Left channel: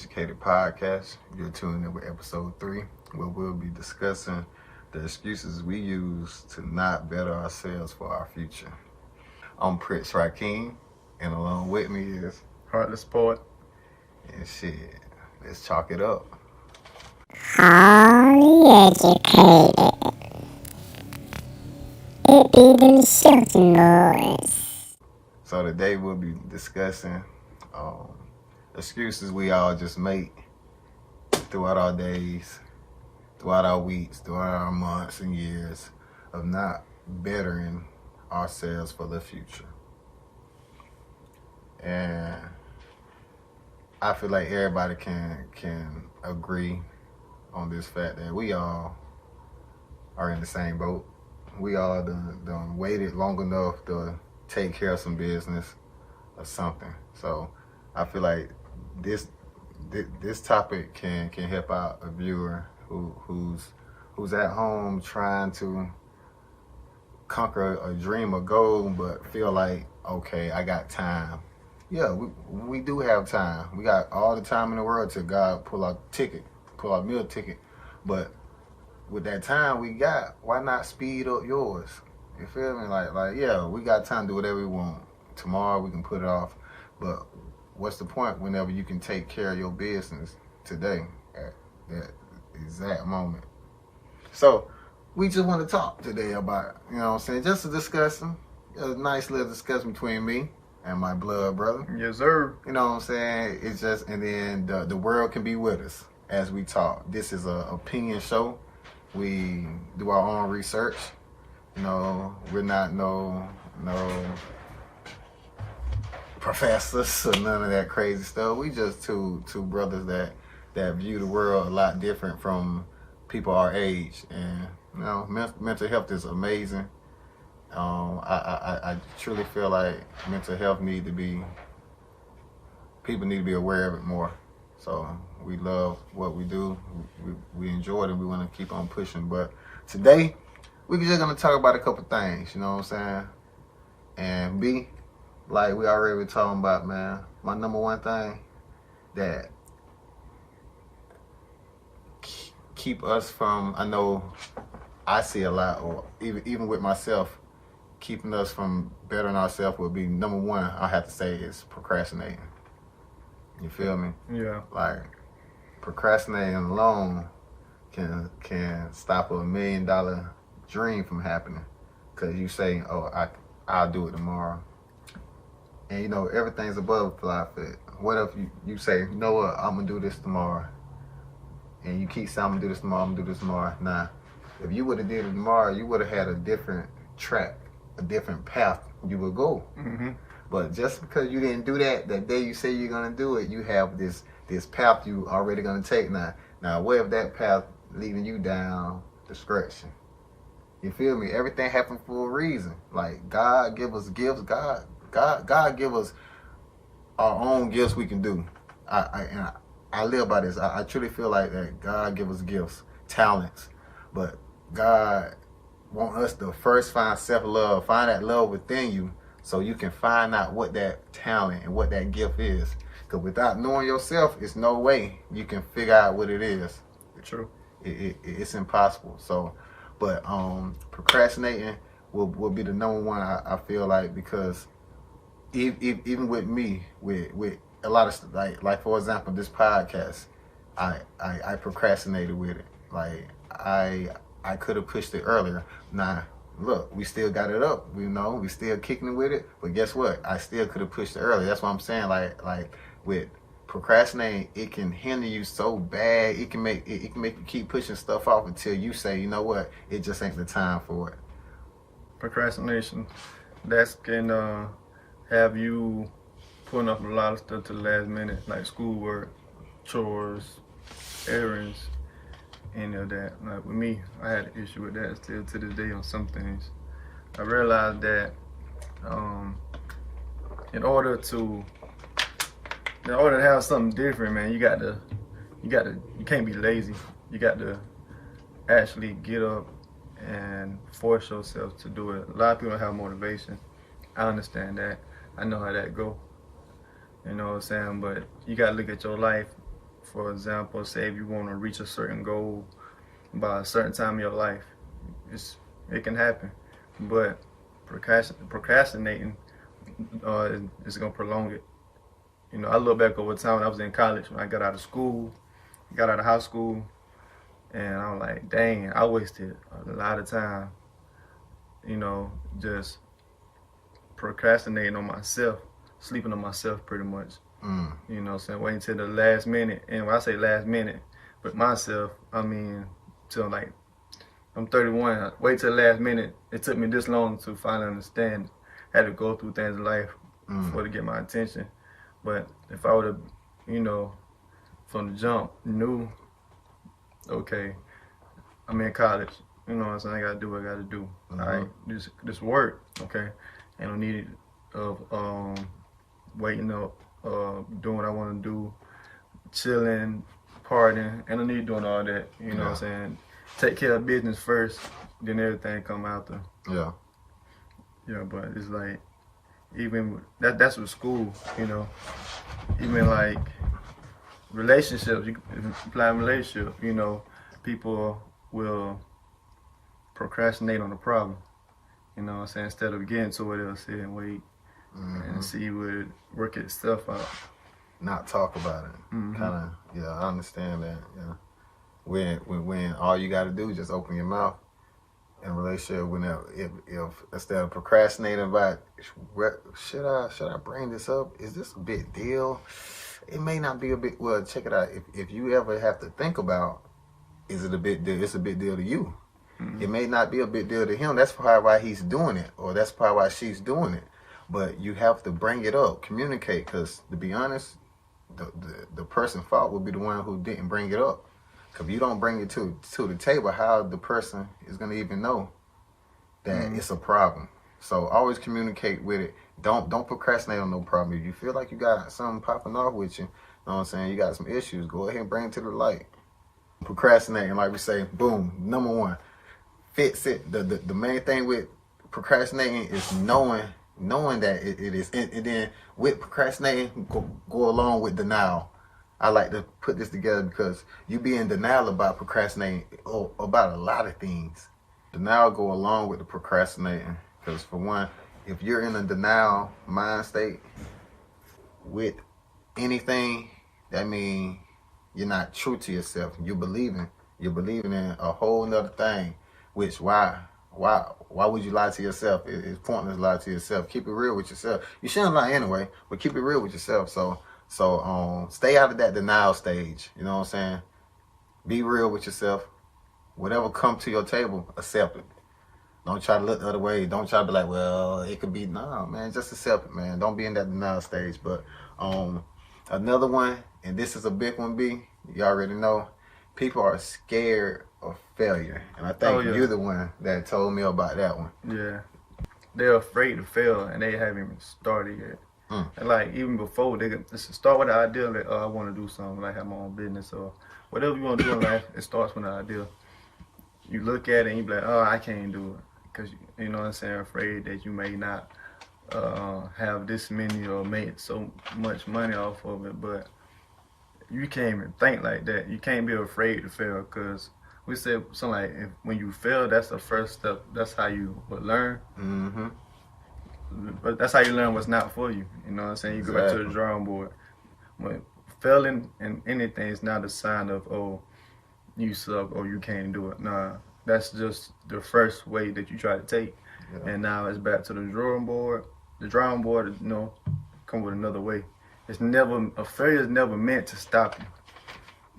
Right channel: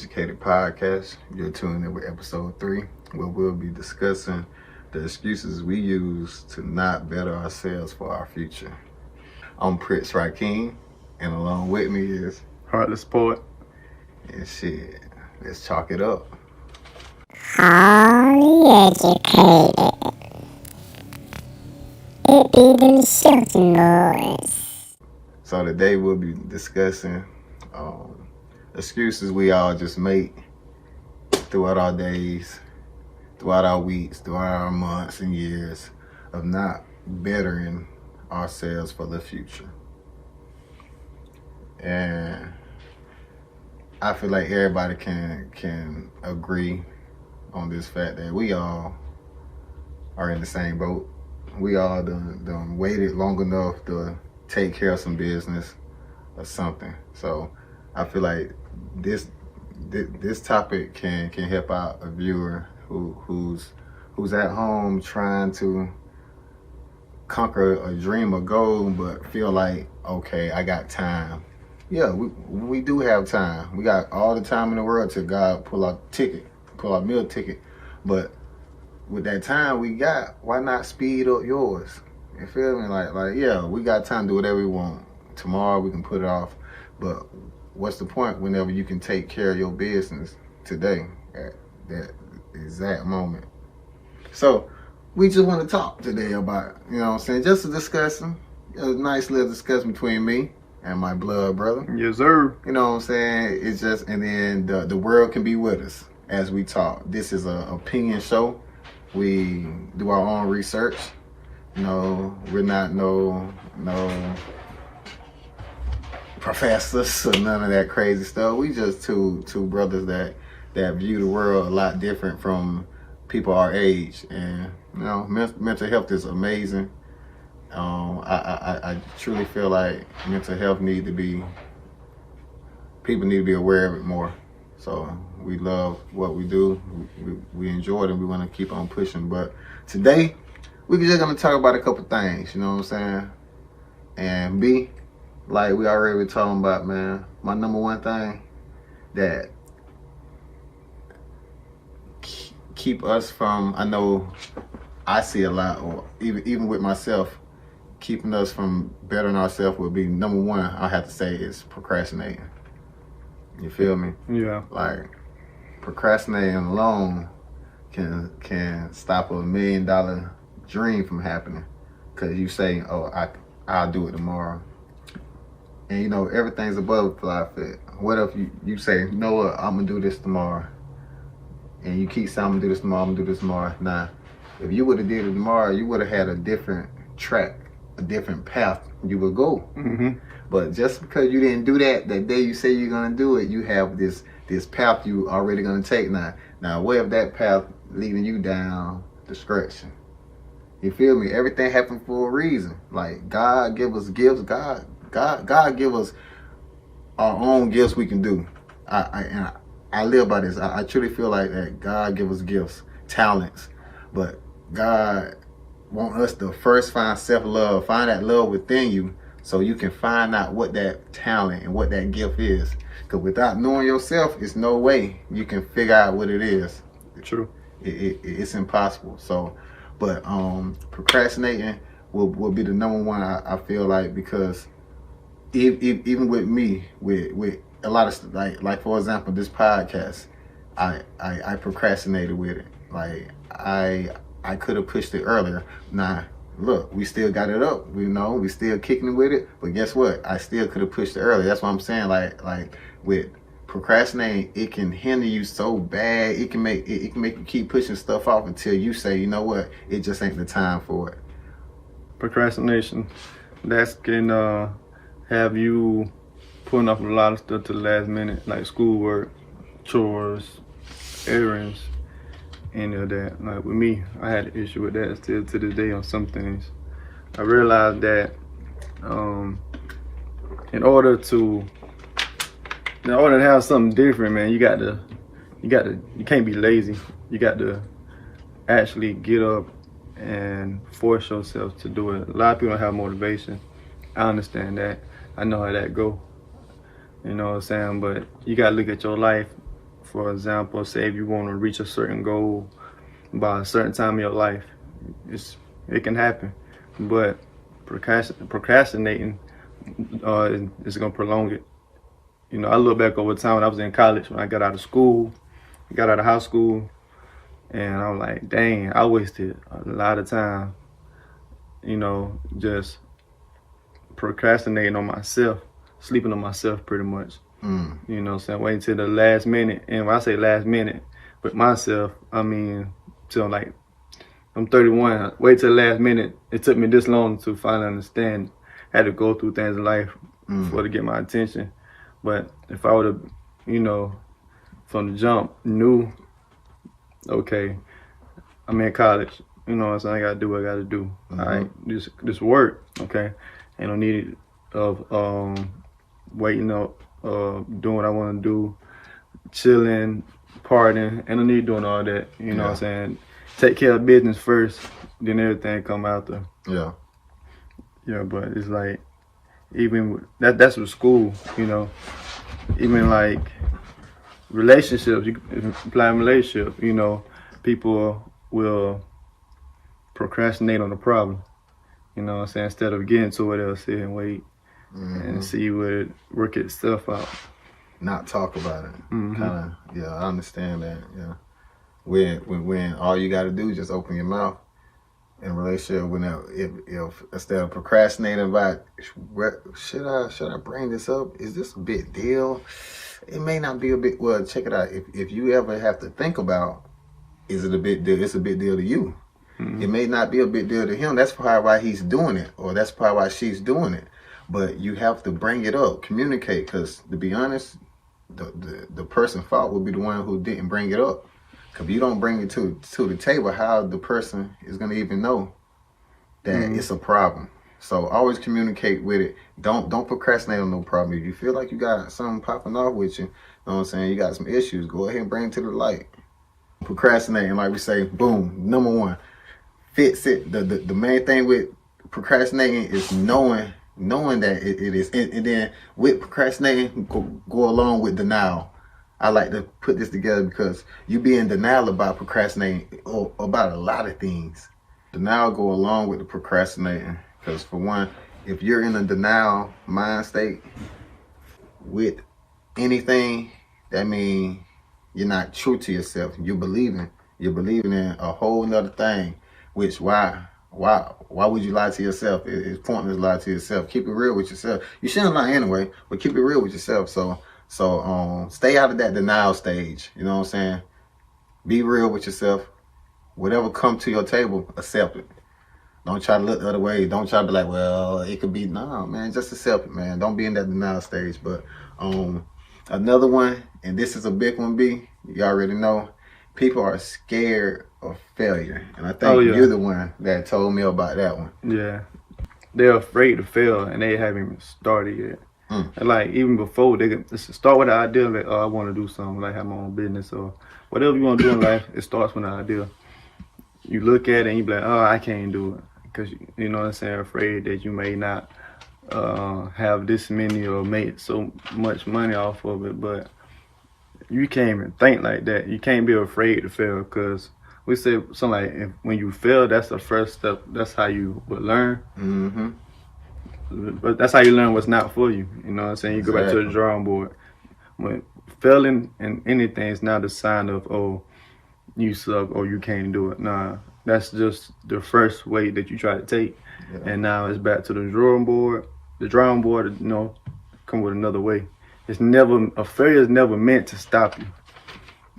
Educated Podcast. You're tuning in with episode 3, where we'll be discussing the excuses we use to not better ourselves for our future. I'm Prince RaKeem, and along with me is Heartless poet. And shit, let's chalk it up. Highly educated. It be them shouting boys. So today we'll be discussing excuses we all just make throughout our days, throughout our weeks, throughout our months and years of not bettering ourselves for the future. And I feel like everybody can agree on this fact that we all are in the same boat. We all done waited long enough to take care of some business or something. So I feel like this topic can help out a viewer who's at home trying to conquer a dream or goal, but feel like, okay, I got time. Yeah, we do have time. We got all the time in the world till God pull our meal ticket. But with that time we got, why not speed up yours? You feel me? Like yeah, we got time to do whatever we want. Tomorrow we can put it off. But what's the point whenever you can take care of your business today at that exact moment? So we just want to talk today about, you know what I'm saying, just a discussion, a nice little discussion between me and my blood brother. Yes, sir. You know what I'm saying? It's just, and then the world can be with us as we talk. This is an opinion show. We do our own research. You know, we're not no professors or none of that crazy stuff. We just two brothers that view the world a lot different from people our age. And you know, mental health is amazing. I truly feel like mental health people need to be aware of it more. So we love what we do. We enjoy it and we want to keep on pushing. But today, we're just going to talk about a couple things, you know what I'm saying? And B, like we already been talking about, man, my number one thing that keep us from, I know I see a lot, or even with myself, keeping us from bettering ourselves would be number one, I have to say, is procrastinating. You feel me? Yeah. Like procrastinating alone can stop $1 million dream from happening, because you say, "Oh, I'll do it tomorrow," and you know everything's a butterfly fit. What if you say, "You know what? I'm gonna do this tomorrow," and you keep saying, "I'm gonna do this tomorrow. I'm gonna do this tomorrow." Now, if you would have did it tomorrow, you would have had a different track, a different path you would go. Mm-hmm. But just because you didn't do that day you say you're gonna do it, you have this path you already gonna take now. Now, what if that path leading you down destruction? You feel me? Everything happened for a reason. Like God give us gifts. God give us our own gifts we can do. I live by this. I truly feel like that God give us gifts, talents, but God want us to first find self-love, find that love within you, so you can find out what that talent and what that gift is. Because without knowing yourself, it's no way you can figure out what it is. True. It's impossible. So, but procrastinating will be the number one, I feel like, because even with me, with a lot of stuff, like for example, this podcast, I procrastinated with it. Like I could have pushed it earlier. Now, look, we still got it up. We know we still kicking with it. But guess what? I still could have pushed it earlier. That's what I'm saying. Like with procrastinating, it can hinder you so bad. It can make you keep pushing stuff off until you say, you know what? It just ain't the time for it. Procrastination, that can have you putting off a lot of stuff to the last minute, like schoolwork, chores, errands, any of that. Like with me, I had an issue with that still to this day on some things. I realized that in order to have something different, man, you can't be lazy. You got to actually get up and force yourself to do it. A lot of people don't have motivation. I understand that. I know how that go. You know what I'm saying? But you gotta look at your life For example, say if you want to reach a certain goal by a certain time in your life, it can happen. But procrastinating is gonna prolong it. You know, I look back over time when I was in college, when I got out of school, got out of high school, and I'm like, dang, I wasted a lot of time, you know, just procrastinating on myself, sleeping on myself pretty much. Mm. You know what I'm saying? Waiting till the last minute. And when I say last minute, but myself, I mean, till like, I'm 31. Wait till the last minute. It took me this long to finally understand. I had to go through things in life for to get my attention. But if I would have, you know, from the jump, knew, okay, I'm in college. You know what I'm saying? I gotta do what I gotta do. All right, this work. Okay, ain't no need of waiting up, doing what I want to do, chilling, partying. Ain't no need doing all that. You know what I'm saying? Take care of business first, then everything come after. Yeah. Yeah, but it's like, even with, that's with school, you know. Even like relationships, you apply in relationship, you know, people will procrastinate on the problem. You know what I'm saying? Instead of getting to it, they'll sit and wait and see what it work itself out. Not talk about it. Kinda, yeah, I understand that. Yeah. When all you gotta do is just open your mouth in a relationship, if instead of procrastinating about should I bring this up? Is this a big deal? It may not be a big. Well, check it out. If you ever have to think about, is it a big deal? It's a big deal to you. It may not be a big deal to him. That's probably why he's doing it, or that's probably why she's doing it. But you have to bring it up, communicate, because to be honest, the person fault would be the one who didn't bring it up. Because if you don't bring it to the table, how the person is going to even know that it's a problem? So always communicate with it. Don't procrastinate on no problem. If you feel like you got something popping off with you, know what I'm saying, you got some issues, go ahead and bring it to the light. Procrastinating, like we say, boom, number one, fix it. The main thing with procrastinating is knowing that it is, and then with procrastinating, go along with denial. I like to put this together because you be in denial about procrastinating or about a lot of things. Denial go along with the procrastinating because, for one, if you're in a denial mind state with anything, that means you're not true to yourself. You're believing in a whole nother thing. Which why would you lie to yourself? It's pointless to lie to yourself. Keep it real with yourself. You shouldn't lie anyway, but keep it real with yourself. So stay out of that denial stage. You know what I'm saying? Be real with yourself. Whatever come to your table, accept it. Don't try to look the other way. Don't try to be like, well, it could be. Nah, man, just accept it, man. Don't be in that denial stage. But another one, and this is a big one, B, you already know, people are scared of failure. And I think you're the one that told me about that one. Yeah. They're afraid to fail, and they haven't even started yet. And like, even before, they can start with the idea, like, oh, I want to do something, like have my own business or whatever you want to do in life. It starts with an idea. You look at it and you be like, oh, I can't do it. Because, you know what I'm saying, afraid that you may not have this many or make so much money off of it. But you can't even think like that. You can't be afraid to fail, because we say something like, when you fail, that's the first step. That's how you would learn. But that's how you learn what's not for you. You know what I'm saying? You go back to the drawing board. When failing in anything is not a sign of, oh, you suck or you can't do it. Nah, that's just the first way that you try to take. And now it's back to the drawing board. The drawing board, you know, come with another way. A failure is never meant to stop you.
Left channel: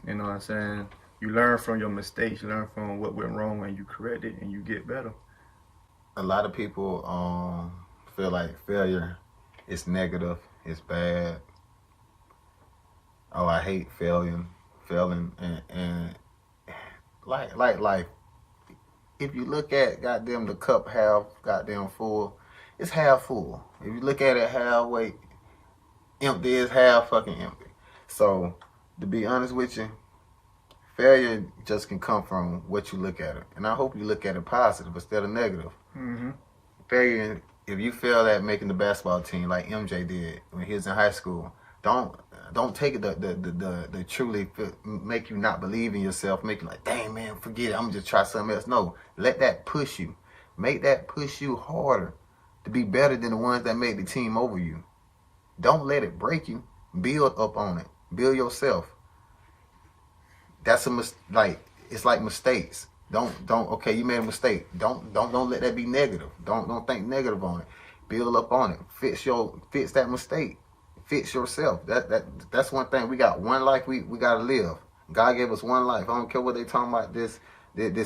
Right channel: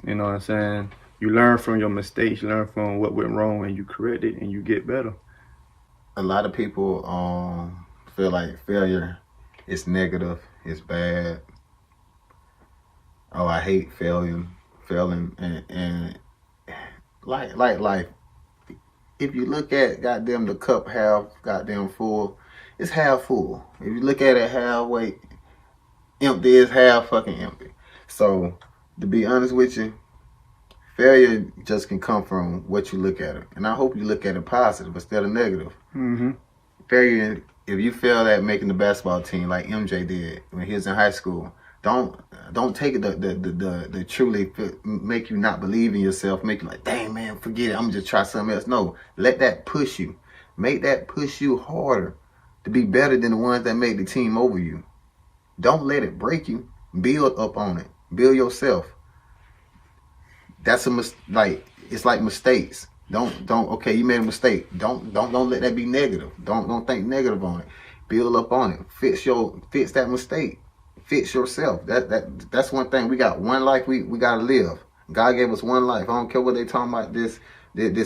You know what I'm saying? You learn from your mistakes, you learn from what went wrong, and you correct it, and you get better. A lot of people feel like failure is negative, it's bad. Oh, I hate failing, and like life. If you look at goddamn the cup half goddamn full, it's half full. If you look at it halfway empty, it's half fucking empty. So to be honest with you, failure just can come from what you look at it. And I hope you look at it positive instead of negative. Failure, if you fail at making the basketball team like MJ did when he was in high school, Don't take it the truly make you not believe in yourself, make you like, dang man, forget it, I'm just try something else. No, let that push you. Make that push you harder to be better than the ones that made the team over you. Don't let it break you. Build up on it. Build yourself. That's it's like mistakes. Don't okay, you made a mistake. Don't let that be negative. Don't think negative on it. Build up on it. Fix that mistake. Fix yourself. That's one thing. We got one life we gotta live. God gave us one life. I don't care what they talking about this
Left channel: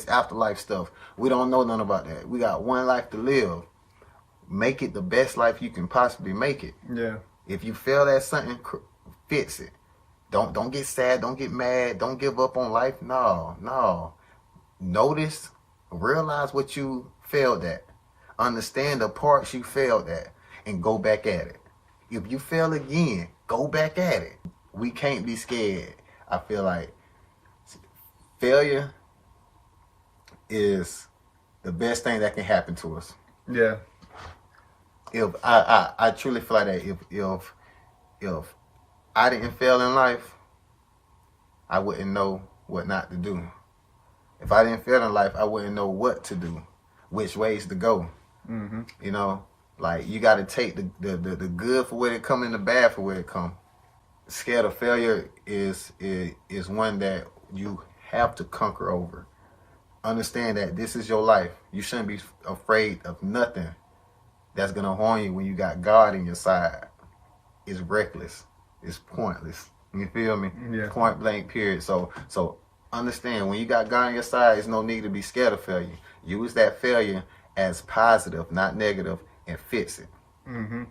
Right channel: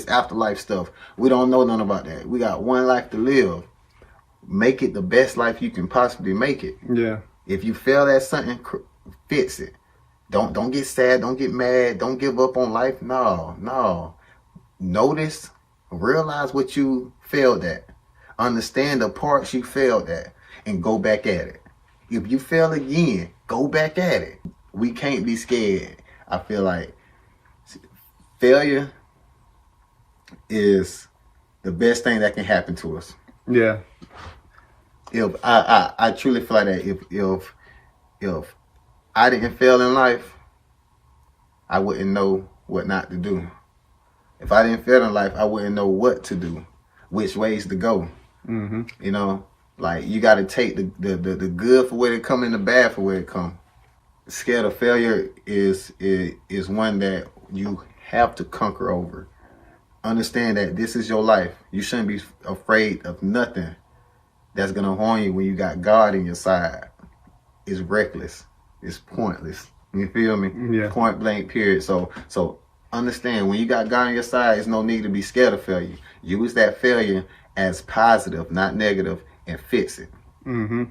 afterlife stuff. We don't know nothing about that. We got one life to live. Make it the best life you can possibly make it. Yeah. If you fail at something, fix it. Don't get sad. Don't get mad. Don't give up on life. No. Notice, realize what you failed at. Understand the parts you failed at and go back at it. If you fail again, go back at it. We can't be scared. I feel like failure is the best thing that can happen to us. Yeah. If I truly feel like that if I didn't fail in life, I wouldn't know what not to do. If I didn't fail in life, I wouldn't know what to do, which ways to go. Mm-hmm. You know, like you got to take the good for where it come and the bad for where it come. Scared of failure is one that you have to conquer over. Understand that this is your life. You shouldn't be afraid of nothing that's gonna harm you when you got God in your side. It's reckless. It's pointless. You feel me? Yeah. Point blank period. So understand, when you got God on your side, there's no need to be scared of failure. Use that failure as positive, not negative, and fix it. Mm-hmm.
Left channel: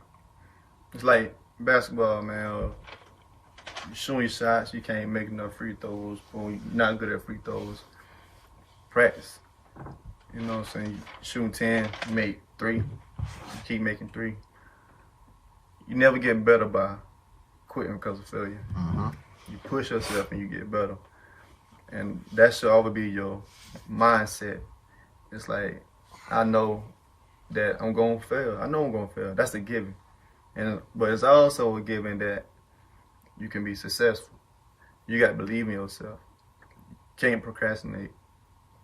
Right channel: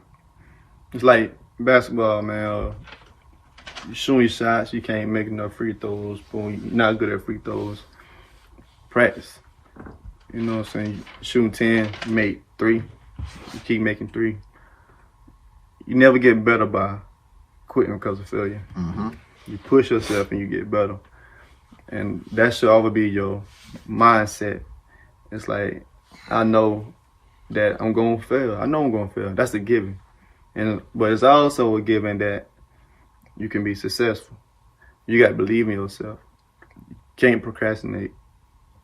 It's like basketball, man. You shooting your shots, you can't make enough free throws. Boom, you're not good at free throws. Practice. You know what I'm saying? Shooting 10, you make 3. You keep making 3. You never get better by quitting because of failure. Mm-hmm. You push yourself and you get better. And that should always be your mindset. It's like, I know that I'm going to fail. I know I'm going to fail. That's a given. But it's also a given that you can be successful. You got to believe in yourself. You can't procrastinate.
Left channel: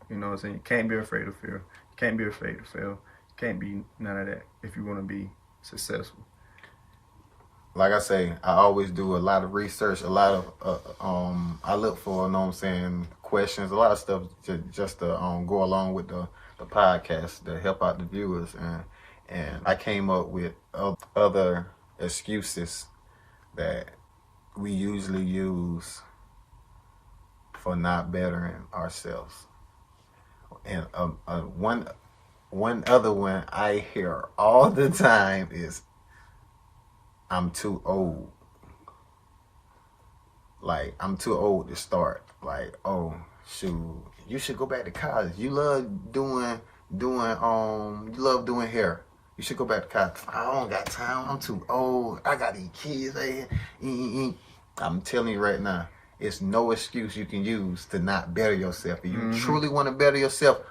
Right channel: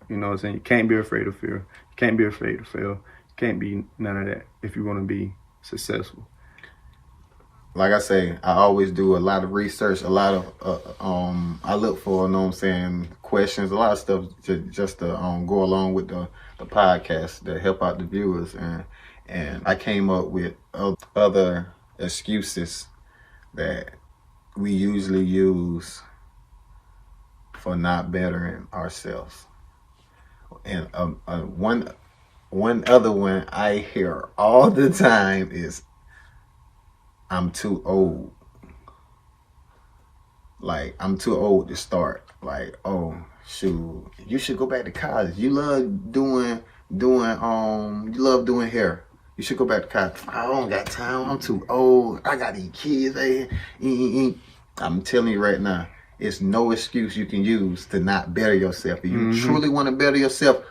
You know what I'm saying? You can't be afraid of fear. You can't be afraid to fail. You can't be none of that if you want to be successful. Like I say, I always do a lot of research, a lot of I look for, you know what I'm saying, questions, a lot of stuff just to go along with the podcast to help out the viewers, and I came up with other excuses that we usually use for not bettering ourselves. And one other one I hear all the time is, I'm too old. Like, I'm too old to start. Like, oh, shoot, you should go back to college. You love doing hair. You should go back to college. I don't got time. I'm too old. I got these kids. I'm telling you right now, it's no excuse you can use to not better yourself. If you truly want to better yourself,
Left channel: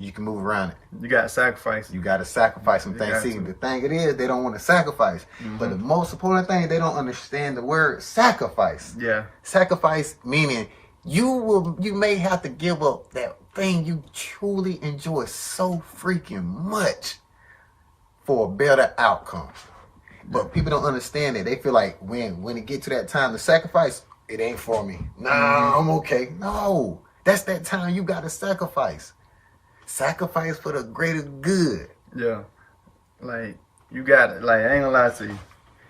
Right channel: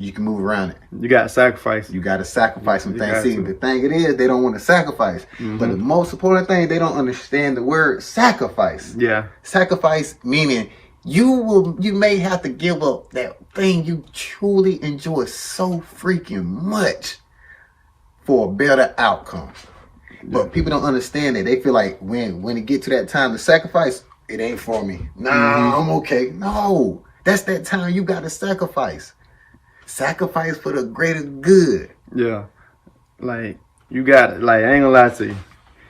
you can move around it. You got to sacrifice. You got to sacrifice some things. See, the thing it is, they don't want to sacrifice. But the most important thing, they don't understand the word sacrifice. Yeah. Sacrifice meaning you may have to give up that thing you truly enjoy so freaking much for a better outcome. But people don't understand that. They feel like when it get to that time to sacrifice, it ain't for me. Nah, I'm okay. No, that's that time you got to sacrifice. Sacrifice for the greater good. Yeah. Like, you got it. Like, I ain't gonna lie to you.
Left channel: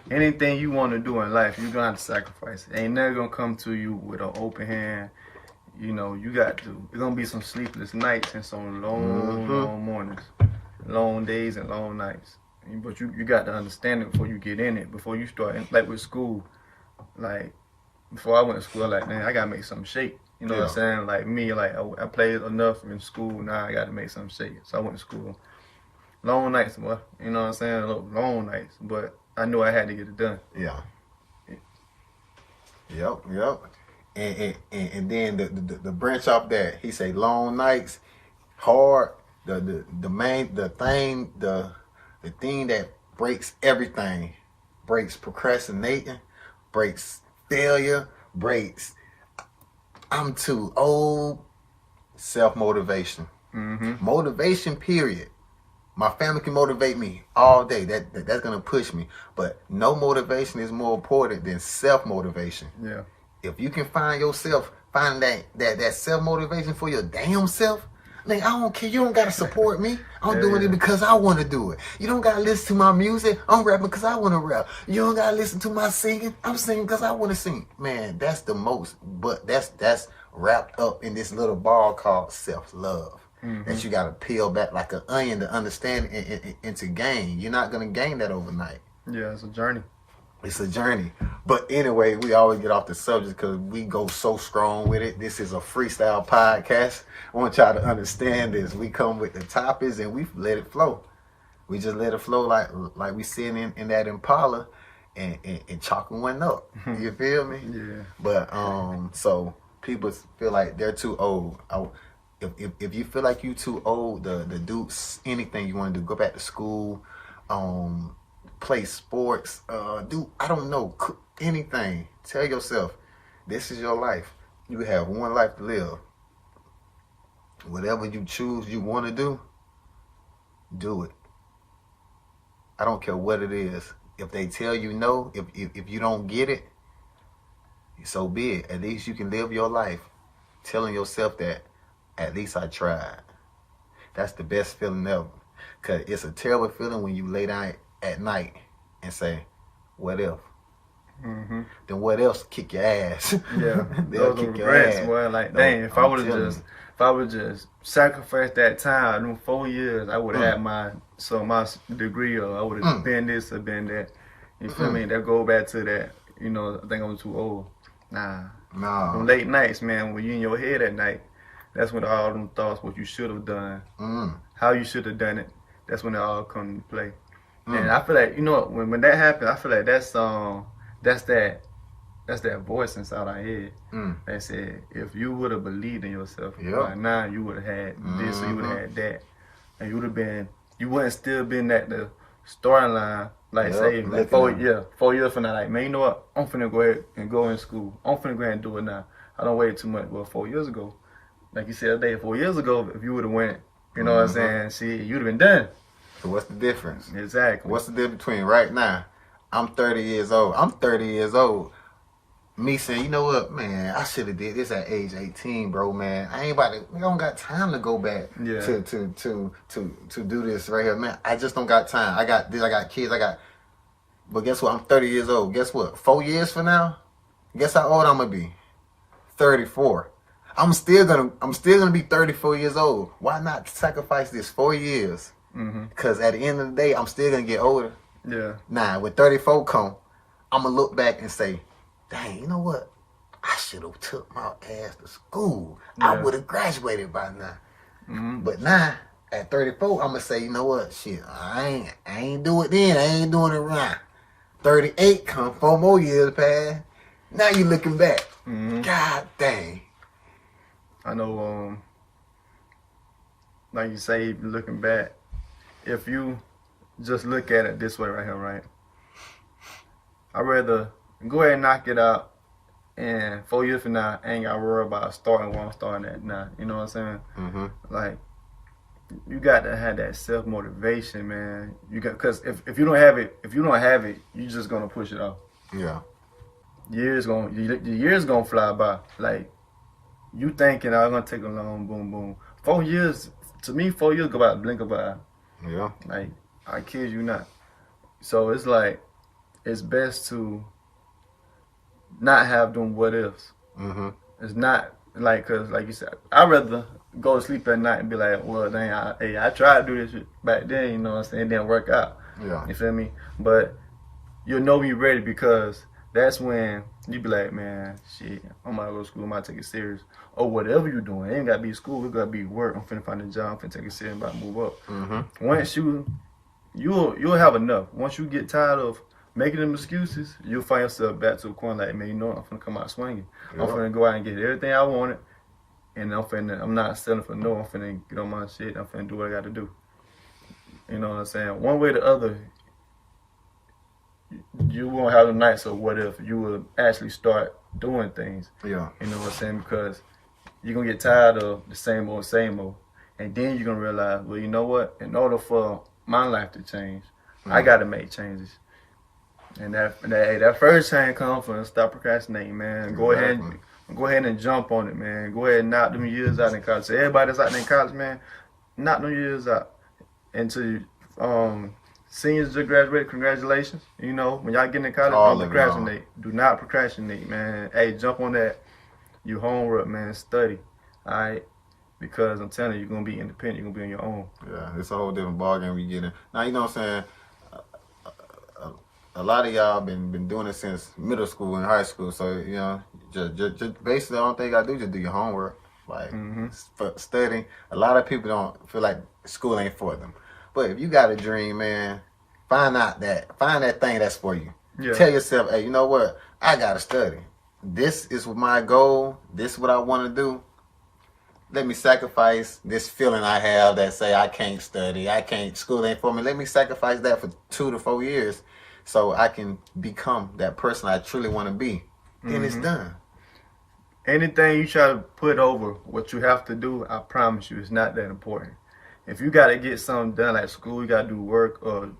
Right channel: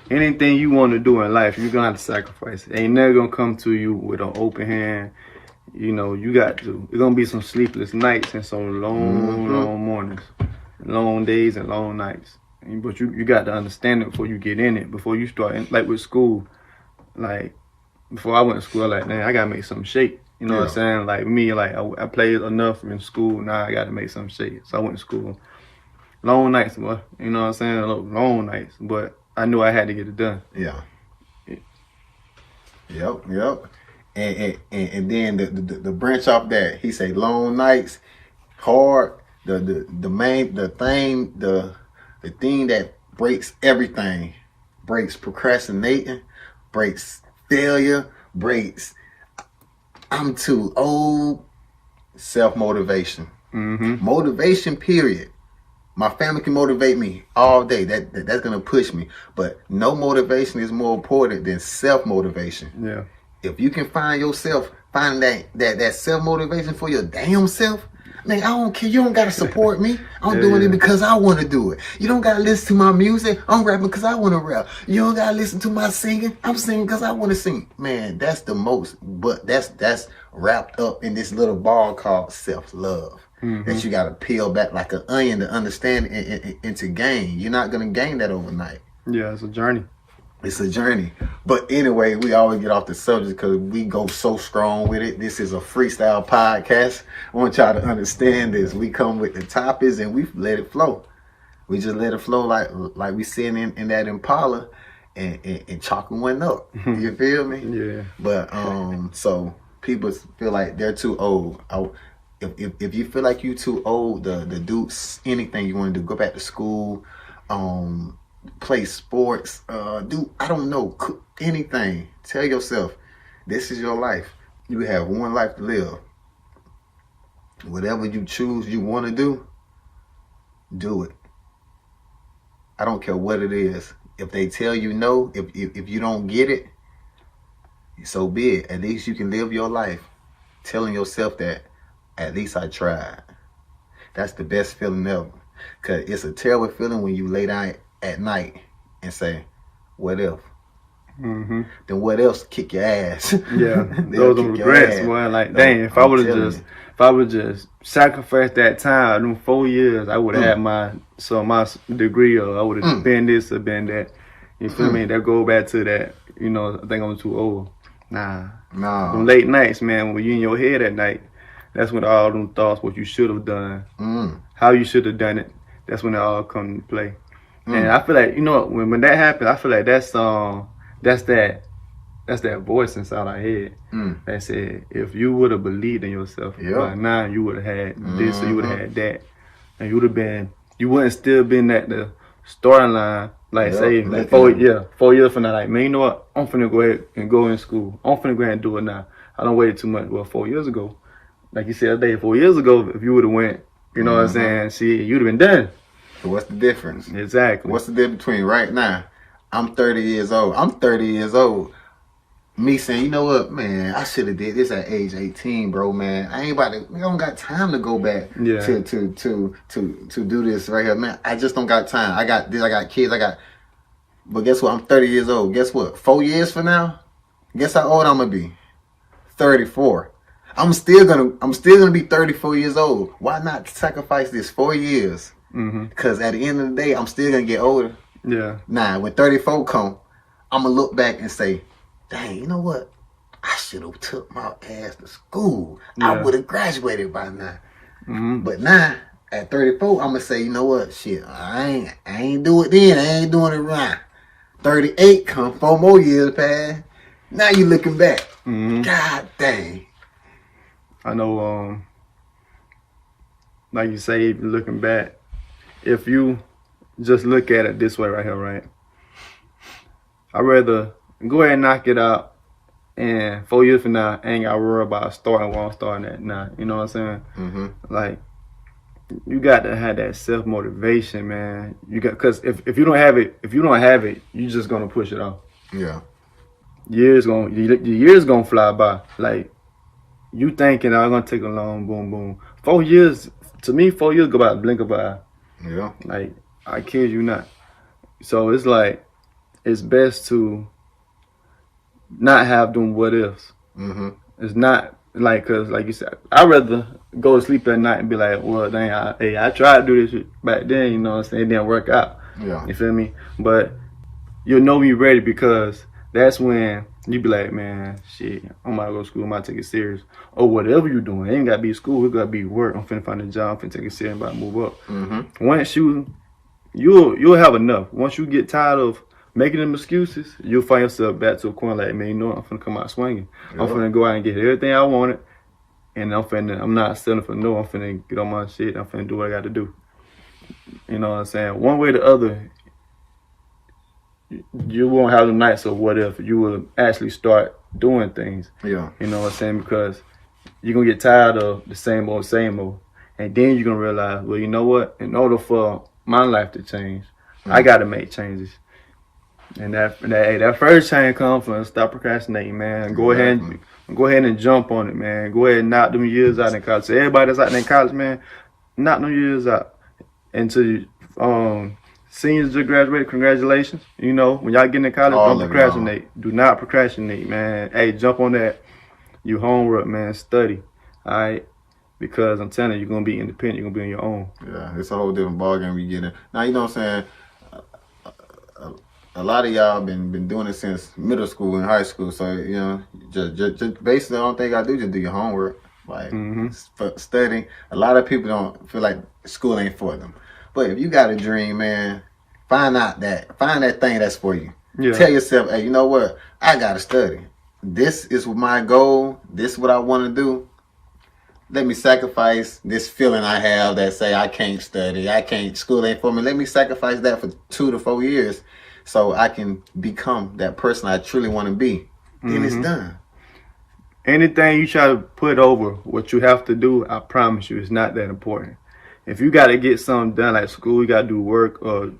Anything you want to do in life, you're gonna have to sacrifice. It ain't never gonna come to you with an open hand. You know, you got to. It's gonna be some sleepless nights and some long mornings, long days and long nights. But you got to understand it before you get in it. Before you start, like with school, like before I went to school, like, man, I gotta make something shake. You know what I'm saying? Like me, like I played enough in school. Now I gotta make something shake. So I went to school. Long nights, boy. You know what I'm saying? Long nights. But I knew I had to get it done. Yeah. Yep. And then the branch off that, he say long nights, hard. The thing that breaks everything, breaks procrastinating, breaks failure, breaks I'm too old, self-motivation. Motivation, period. My family can motivate me all day. That's gonna push me. But no motivation is more important than self-motivation. Yeah. If you can find yourself, find that self-motivation for your damn self, man, I don't care. You don't gotta support me. I'm doing it because I want to do it. You don't gotta listen to my music. I'm rapping because I want to rap. You don't gotta listen to my singing. I'm singing because I want to sing. Man, that's the most. But that's wrapped up in this little ball called self-love. That you gotta peel back like an onion to understand and to gain. You're not gonna gain that overnight. Yeah, it's a journey. It's a journey. But anyway, we always get off the subject because we go so strong with it. This is a freestyle podcast. I want y'all to understand this. We come with the topics and we let it flow. We just let it flow like we sitting in that Impala and chalking one up. You feel me? Yeah. But so people feel like they're too old. If you feel like you too old to do anything you want to do, go back to school, play sports, do I don't know, anything. Tell yourself, this is your life. You have one life to live. Whatever you choose you want to do it. I don't care what it is. If they tell you no, if you don't get it, so be it. At least you can live your life telling yourself that at least I tried. That's the best feeling ever. Because it's a terrible feeling when you lay down at night and say, what if? Then what else kick your ass? Yeah, those are regrets, boy. Like, dang, if I would have just sacrificed that time, them 4 years, I would have had my degree, or I would have been this or been that. You feel me? That go back to that. You know, I think I'm too old. Nah. Them late nights, man, when you in your head at night, that's when all them thoughts, what you should have done, how you should have done it, that's when it all come into play. And I feel like, you know, when that happens, I feel like that's that voice inside our head that said, if you would have believed in yourself, by now you would have had this or you would have had that, and you wouldn't still been at the starting line. Like say, like 4 years from now, like, man, you know what? I'm finna go ahead and go in school. I'm finna go ahead and do it now. I don't wait too much. Well, 4 years ago, like you said today, 4 years ago, if you would have went, you know what I'm saying? See, you'd have been done. So what's the difference? Exactly. What's the difference between right now? I'm 30 years old. Me saying, you know what, man, I should have did this at age 18, bro, man. I don't got time to go back to do this right here, man. I just don't got time. I got this, I got kids, but guess what? I'm 30 years old. Guess what? 4 years from now, guess how old I'm gonna be? 34. I'm still gonna be 34 years old. Why not sacrifice this 4 years? Because at the end of the day, I'm still gonna get older. Yeah. Nah, when 34 come, I'm gonna look back and say, dang, you know what? I should have took my ass to school. I would have graduated by now. But now, at 34, I'm gonna say, you know what? Shit, I ain't do it then. I ain't doing it right. 38 come, 4 more years past. Now you looking back. God dang. I know, like you say, looking back, if you just look at it this way right here, right? I'd rather go ahead and knock it out, and 4 years from now, I ain't got to worry about starting where I'm starting at now. You know what I'm saying? Like, you got to have that self-motivation, man. Because if you don't have it, you're just going to push it off. Yeah. Your years gonna fly by. Like, you thinking I'm gonna take a long boom boom. 4 years, to me, 4 years go by the blink of an eye. Yeah. Like, I kid you not. So it's like, it's best to not have them what ifs. It's not like, cause like you said, I'd rather go to sleep at night and be like, well, dang, I tried to do this shit back then, you know what I'm saying? It didn't work out. Yeah. You feel me? But you'll know you're ready, because that's when you be like, man, shit, I'm about to go to school, I'm about to take it serious. Or whatever you're doing. It ain't got to be school, it got to be work. I'm finna find a job, I'm finna take it serious, I'm about to move up. Once you'll have enough. Once you get tired of making them excuses, you'll find yourself back to a corner like, man, you know what? I'm finna come out swinging. I'm finna go out and get everything I wanted. And I'm not settling for no. I'm finna get on my shit. I'm finna do what I got to do. You know what I'm saying? One way or the other, you won't have the nights of what if. You will actually start doing things. Yeah. You know what I'm saying? Because you're going to get tired of the same old, same old. And then you're going to realize, well, you know what? In order for my life to change, I got to make changes. And that first change comes from stop procrastinating, man. Go ahead and jump on it, man. Go ahead and knock them years out in college. So everybody that's out there in college, man, knock them years out. And to seniors just graduated, congratulations. You know, when y'all get in college, don't procrastinate. Do not procrastinate, man. Hey, jump on that. You homework, man. Study. All right? Because I'm telling you, you're going to be independent. You're going to be on your own. Yeah, it's a whole different ballgame we get in. Now, you know what I'm saying? A lot of y'all been doing it since middle school and high school. So, you know, just basically the only thing you got to do is just do your homework. Like, for studying. A lot of people don't feel like school ain't for them. But if you got a dream, man, find that thing that's for you. Yeah. Tell yourself, hey, you know what? I got to study. This is my goal. This is what I want to do. Let me sacrifice this feeling I have that say I can't study. School ain't for me. Let me sacrifice that for 2 to 4 years so I can become that person I truly want to be. Then it's done. Anything you try to put over what you have to do, I promise you, it's not that important. If you got to get something done, like school, you got to do work, or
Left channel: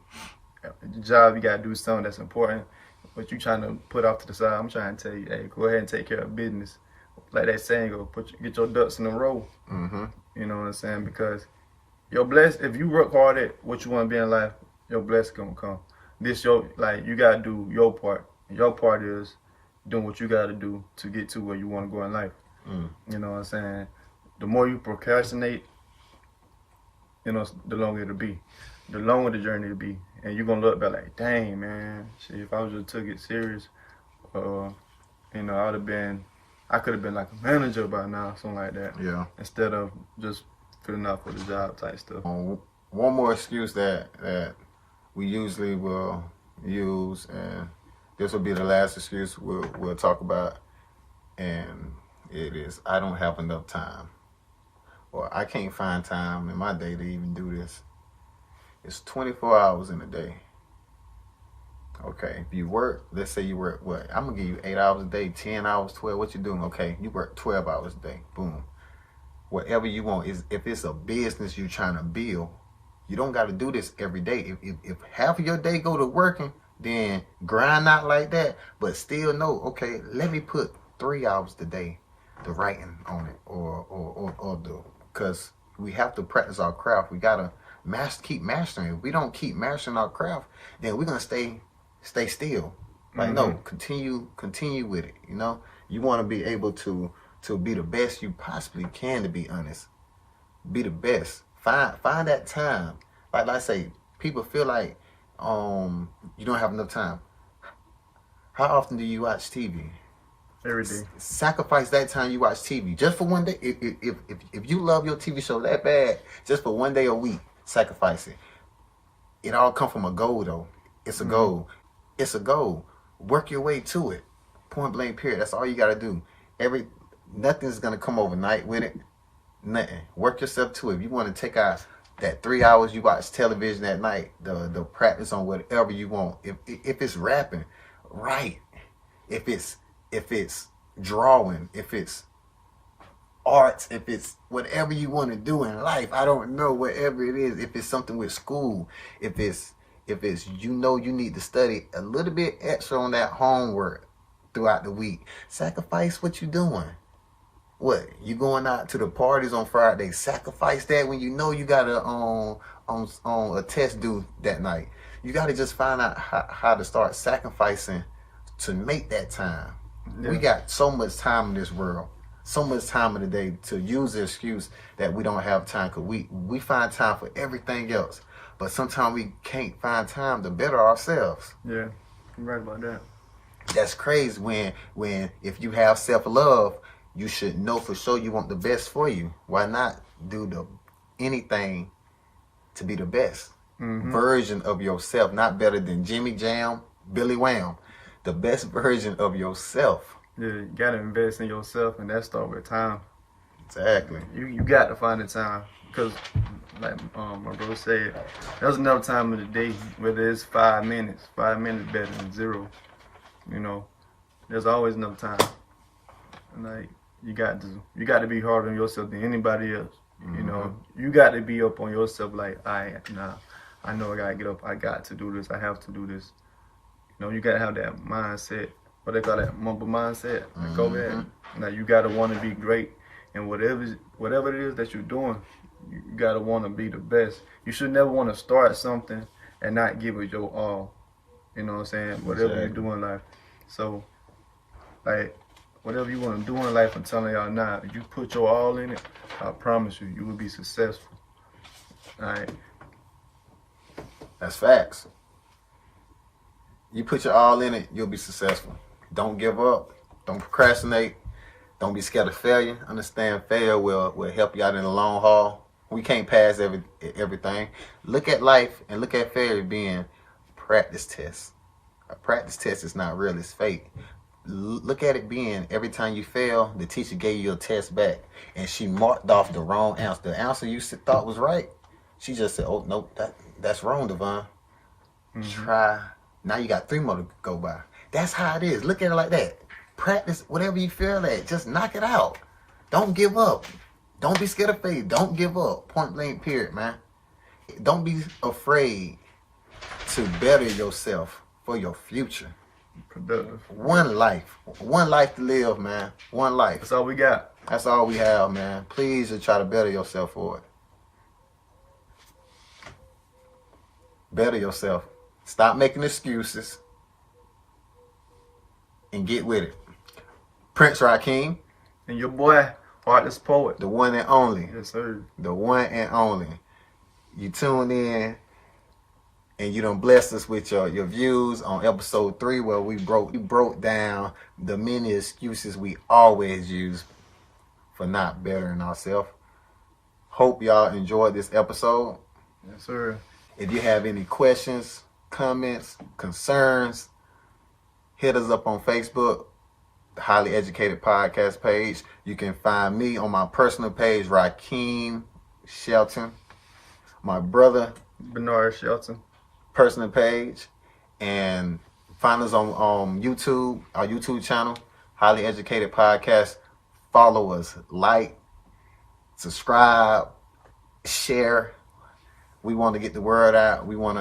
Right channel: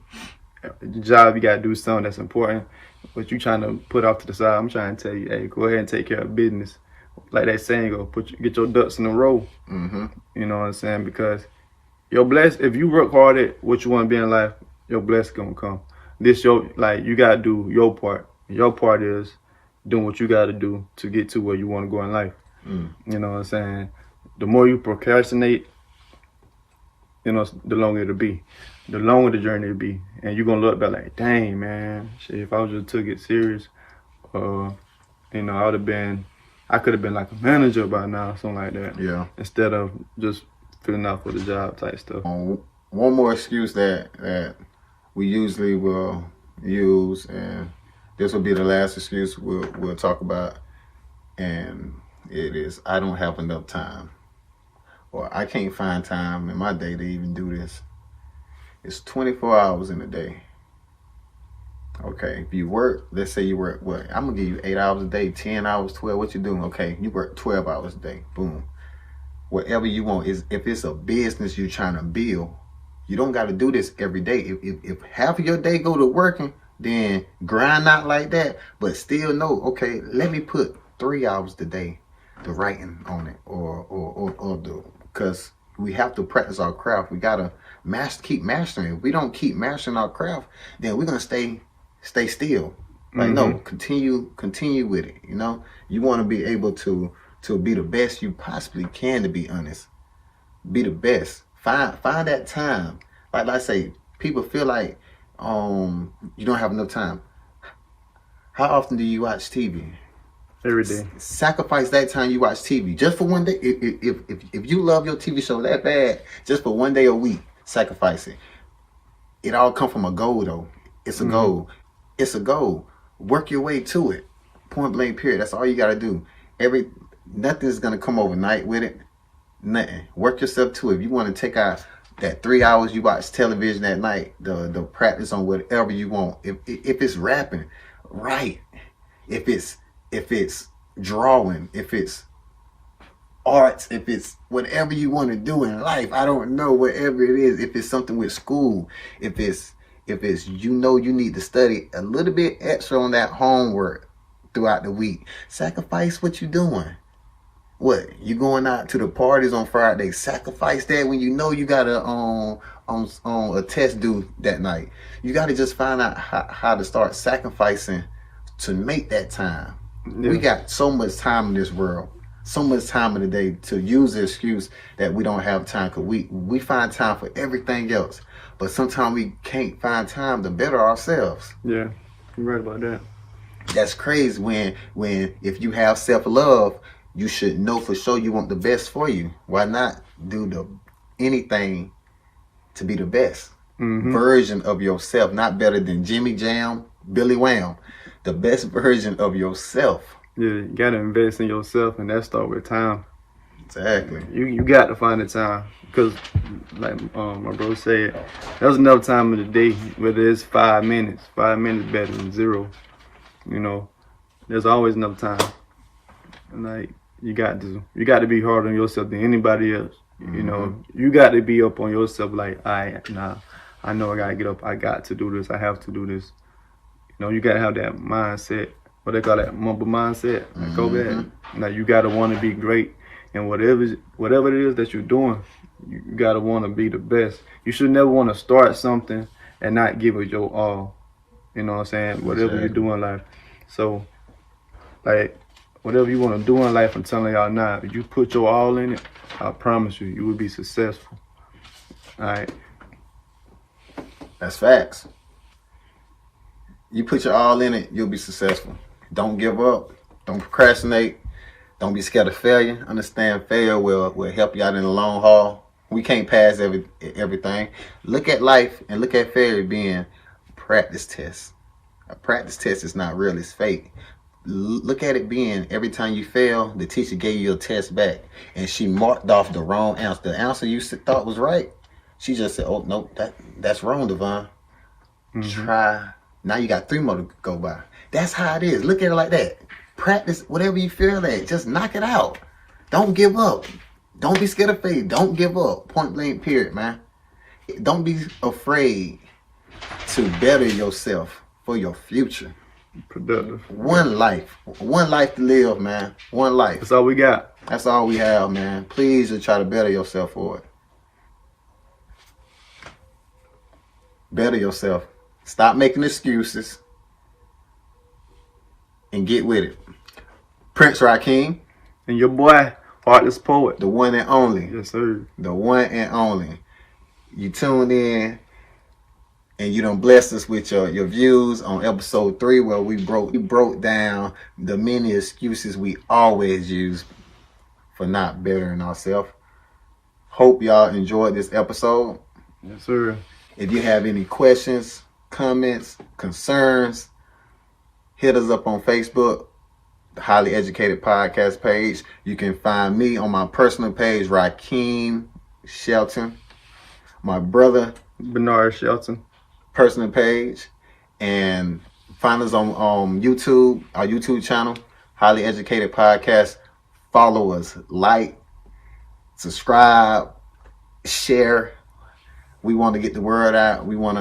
job, you got to do something that's important, what you trying to put off to the side, I'm trying to tell you, hey, go ahead and take care of business. Like that saying go, get your ducks in a row. You know what I'm saying? Because your if you work hard at what you want to be in life, your blessing gonna come. You gotta do your part. Your part is doing what you gotta do to get to where you want to go in life. You know what I'm saying? The more you procrastinate, you know, the longer it'll be. The longer the journey will be. And you're gonna look back like, dang, man, shit, if I just took it serious, you know, I could have been like a manager by now, something like that. Yeah. Instead of just filling out for the job type stuff. One more excuse that we usually will use, and this will be the last excuse we'll talk about, and it is, I don't have enough time, or I can't find time in my day to even do this. It's 24 hours in a day. Okay, if you work, let's say you work, what? I'm going to give you 8 hours a day, 10 hours, 12. What you doing? Okay, you work 12 hours a day. Boom. Whatever you want. If it's a business you're trying to build, you don't got to do this every day. If half of your day go to working, then grind out like that, but still know, okay, let me put 3 hours a day to writing on it, or do, because we have to practice our craft. We got to keep mastering. If we don't keep mastering our craft, then we're going to stay still. Like, no, continue with it. You know, you want to be able to be the best you possibly can, to be honest. Be the best. Find that time. Like I say, people feel like you don't have enough time. How often do you watch TV? Every day. Sacrifice that time you watch TV just for one day. If you love your TV show that bad, just for one day a week, sacrifice it. It all come from a goal, though. It's a goal. It's a goal. Work your way to it. Point blank, period. That's all you got to do. Nothing's going to come overnight with it. Nothing. Work yourself to it. If you want to take out that 3 hours you watch television at night, the practice on whatever you want. If it's rapping, write. If it's drawing, if it's arts, if it's whatever you want to do in life, I don't know, whatever it is. If it's something with school, if it's you know you need to study a little bit extra on that homework throughout the week, sacrifice what you're doing. What, you going out to the parties on Friday, sacrifice that when you know you got a test due that night. You got to just find out how to start sacrificing to make that time. Yeah. We got so much time in this world, so much time in the day, to use the excuse that we don't have time, because we find time for everything else. But sometimes we can't find time to better ourselves. Yeah, you're right about that. That's crazy. When if you have self-love, you should know for sure you want the best for you. Why not do anything to be the best version of yourself? Not better than Jimmy Jam, Billy Wham. The best version of yourself. Yeah, you gotta invest in yourself, and that start with time. Exactly. You got to find the time, because like my bro said, there's enough time of the day, whether it's 5 minutes. 5 minutes better than 0. You know, there's always enough time. And like you got to be harder on yourself than anybody else. You know, you got to be up on yourself like, I know I gotta get up. I got to do this. I have to do this. You know, you gotta have that mindset. What they call that, mumble mindset. Like, go back. Like, you gotta want to be great, and whatever it is that you're doing, you gotta want to be the best. You should never want to start something and not give it your all. You know what I'm saying? Whatever you do in life. So, like, whatever you want to do in life, I'm telling y'all now, if you put your all in it, I promise you, you will be successful. All right. That's facts. You put your all in it, you'll be successful. Don't give up. Don't procrastinate. Don't be scared of failure. Understand failure will help you out in the long haul. We can't pass everything. Look at life and look at failure being practice tests. A practice test is not real, it's fake. Look at it being every time you fail, the teacher gave you a test back and she marked off the wrong answer. The answer you thought was right, she just said, oh, nope, that's wrong, Devon. Try. Now you got 3 more to go by. That's how it is. Look at it like that. Practice whatever you feel at. Just knock it out. Don't give up. Don't be scared of failure. Don't give up. Point blank, period, man. Don't be afraid to better yourself for your future. Productive. One life to live, man. One life. That's all we got. That's all we have, man. Please just try to better yourself for it. Better yourself. Stop making excuses and get with it. Prince RaKeem. And your boy, Heartless Poet. The one and only. Yes, sir. The one and only. You tuned in and you done blessed us with your views on episode 3 where we broke down the many excuses we always use for not bettering ourselves. Hope y'all enjoyed this episode. Yes, sir. If you have any questions, comments, concerns, hit us up on Facebook, the Highly Educated Podcast page. You can find me on my personal page, RaKeem Shelton. My brother, Bernard Shelton, personal page. And find us on YouTube, our YouTube channel, Highly Educated Podcast. Follow us, like, subscribe, share. We want to get the word out. We want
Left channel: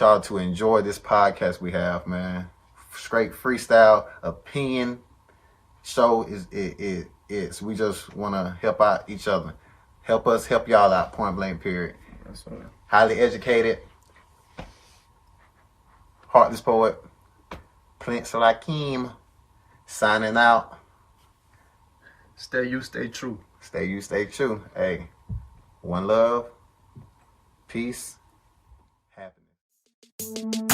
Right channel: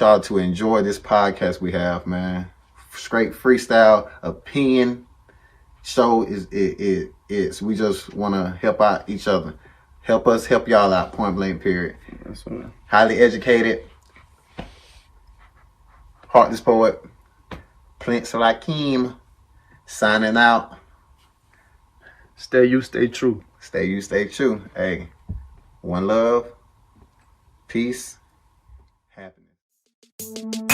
y'all to enjoy this podcast we have, man. Straight freestyle opinion show is we just want to help out each other. Help us help y'all out, point blank, period. That's right. Highly educated, Heartless Poet, Prince RaKeem, signing out. Stay you, stay true. Stay you, stay true. Hey, one love, peace, happiness.